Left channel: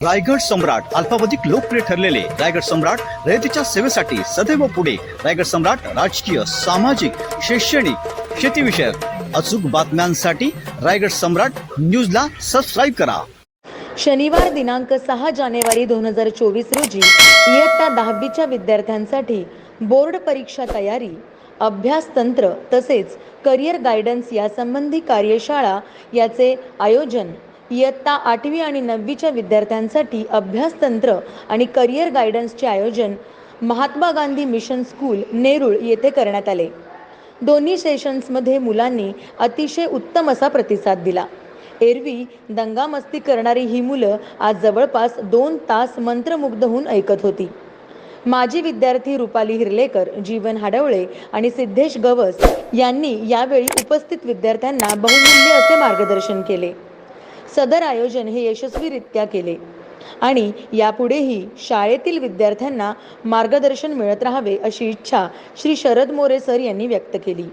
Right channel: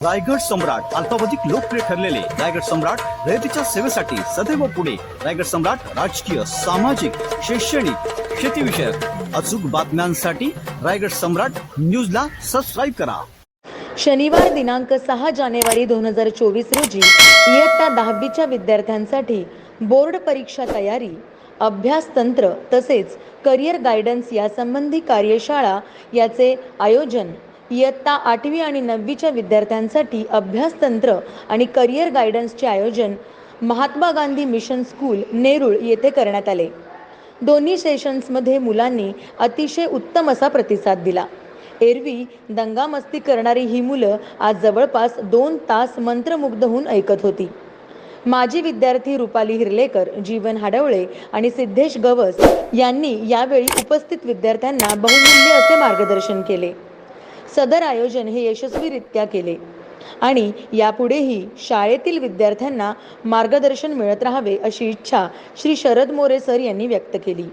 रायगड सम्राट अल्पावधिक लोकप्रिय ठरलेले रायगड सम्राट रयतेच्या सेवेसाठी सदैव पुढे. रायगड सम्राट राजकीय सामाजिक शैक्षणिक शेतीविषयक अचूक बातम्यांसाठी रायगड सम्राट न्यूजला सबस्क्राईब करा. शनिवार दिनांक सहा जानेवारी दोन हजार चोवीस रोजी इयत्ता दहावीच्या विद्यार्थ्यांसाठी बोर्ड परीक्षा तयारी अभ्यास तंत्र तसेच करिअर गायडन्स यासंबंधी कार्यशाळा याचे आयोजन इयत्ता आठवी आणि नववीच्या विद्यार्थ्यांसाठी अभ्यासतंत्र आणि करिअर गायडन्सचे आयोजन महात्मा गांधी मिशन स्कूल नेरूळ येथे करण्यात आले. दोन्ही सेशन्समध्ये मुलांनी अतिशय उत्तम असा प्रतिसाद दिला. एरवी दंगामस्ती करणारी ही मुलं आज जवळपास दोन तास मंत्रमुग्ध होऊन ऐकत होती. माजी विद्यार्थी रुपाली हिरलेकर जीवन हाडवळे आणि सिद्धेश गवस यांनी यावेळी उपस्थित विद्यार्थ्यांना बहुमूल्य असे मार्गदर्शन केले. सदर आयोजन हे यशस्वीरित्या केले. आणि यापुढेही शाळेतील विद्यार्थ्यांना मार्गदर्शन मिळत राहावे अशी इच्छा श्री शरद मोरे सर यांनी व्यक्त केली.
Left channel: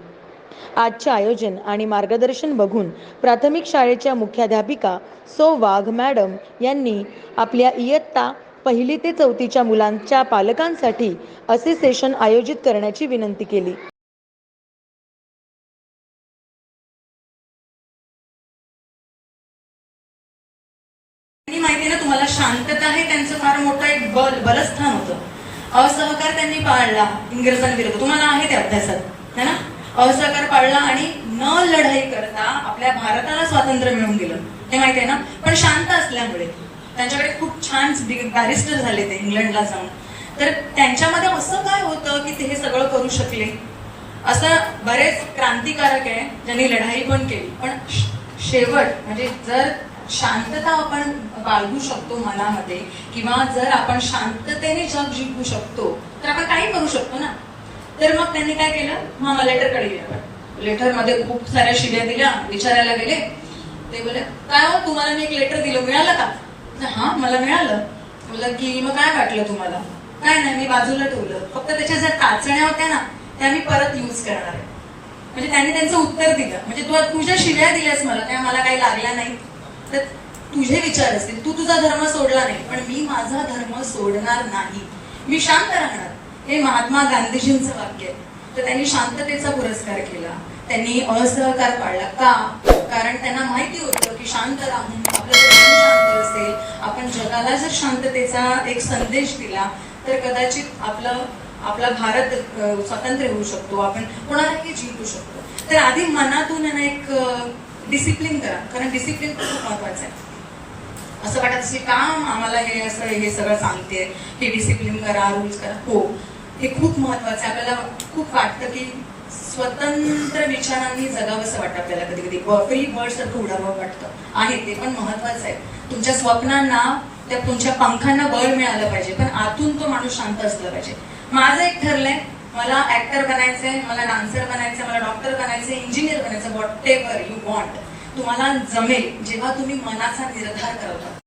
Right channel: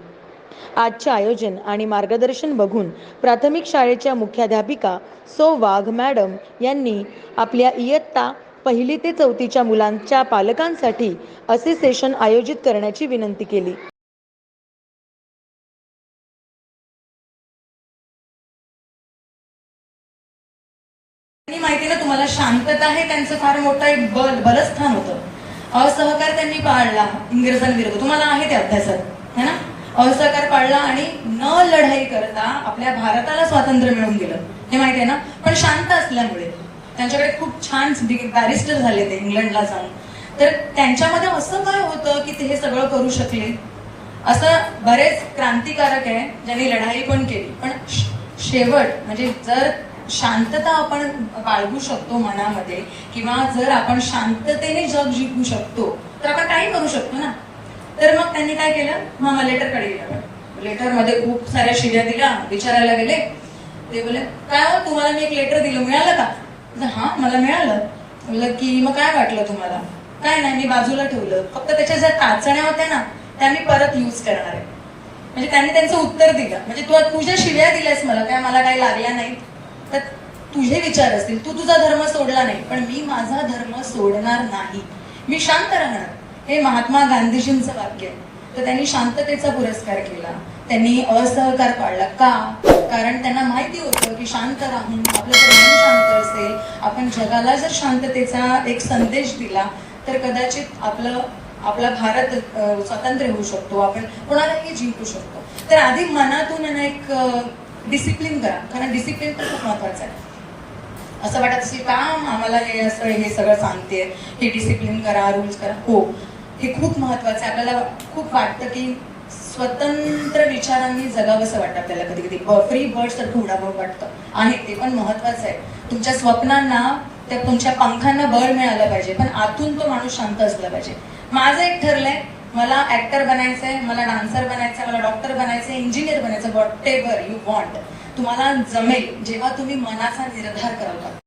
आजचे आयोजन आणि मार्गदर्शन बघून प्राथमिक शाळेच्या मुख्याध्यापिका सो वाघ मॅडम यांनी आपल्या इयत्ता पहिली ते चौथीच्या मुलांच्या पालकांसाठी असे सेशन आयोजित करण्याची विनंती केली. माहिती आहे ना तुम्हाला शांतता हे त्यांचं फार मोठं एक बल बलस्थान होतं. असहकार त्यांनी पाळला इंग्रजांविरुद्ध. तुम्हाला आहे ते अभ्यासात है ना? असहकार पाळला आणि न लढाई करता आपल्या भारताला स्वातंत्र्य मिळून गेलं. हे माहिती आहे ना? पण शांत असल्यामुळे. त्यांच्याकडे खूप छान बॅरिस्टर झाले ते इंग्लंडला जाऊन. तर त्यांच्यामध्ये असं काय होतं की ते हे सगळं करू शकले? असं बरेच क्रांतिकारक आहे ज्यांनी लढाई पण केली. पण शेवट म्हणजे जर शांतता आपण बाळगू शकतो मनामध्ये किंवा जर आपण शांततेने जग जिंकू शकतो तर आपण काही करू शकतो ना? तर मग त्यांनी काय केलं? मग लेटरकडे गेलं आपण. लेटरमध्ये खूप साऱ्या शिव्या दिल्या विचारायला गेले. ते बोले काय हो तुम्हाला मी एक लेटर दिलं मिळालं का? हा मला मिळालं. बोललं की मग काय वाटलं तुम्हाला? काय नाही मी बाजूला ठेवलं. फक्त त्याच्या ज्या टाचण्या होत्या ना त्या मी परत यूज करणार आहे. म्हणजे त्यांनी त्यांचं उत्तर दिलं. म्हणजे तू तुझ्या शिव्या दिल्यास मला काय मला काही लागल्या नाही तर तुझे विचार असतील. तू तुझा धर्म सोडला नाही पण मी माझा धर्म सोडणार नाही. मी शांत राहणार. हे महात्मा गांधीजींचं वाक्य आहे. तर त्यांनी शांततेचा पुरस्कार केला. त्यांनी असहकार पाळला. का? कारण त्यांना माहिती होतं की शांत राहून आपलं शांत असेल आपण जगाला जर शांततेचा एक संदेश दिला तर कदाचित आपलं आपला भारत स्वतंत्र स्वातंत्र्य होऊ शकतो. आपण कोणालाही जिंकू शकतो. तर आधी मनातून एक डिसिप्लिन करा. कारण डिसिप्लिन खूप महत्वाचं आहे. असं वाटत असेल काम आम्हाला हे असं हे सगळं सांगते हे डिसिप्लिन करा रूल्स करा. हो. हे खूप महत्वाचं आहे. आपल्याला खूप वाटतं की स्वतंत्र विचारांनी जगावंसं वाटतं आपल्याला कधी कधी फ्री बर्ड सारखं उडावं वाटतं. आहे ते पण महत्वाचं आहे. तुमच्या स्वप्नांना त्या तुमच्या पंखांना बळ मिळालं पाहिजे. पण आतून तो माणूस शांत असला पाहिजे. माझं एक ठरलंय मला ऍक्टर बनायचंय मला डान्सर बनायचंय मला डॉक्टर बनायचंय इंजिनियर बनायचं वॉट एव्हर यू वॉन्ट तुम्हाला जमेल जेव्हा तुम्ही मनाचा निर्धार करता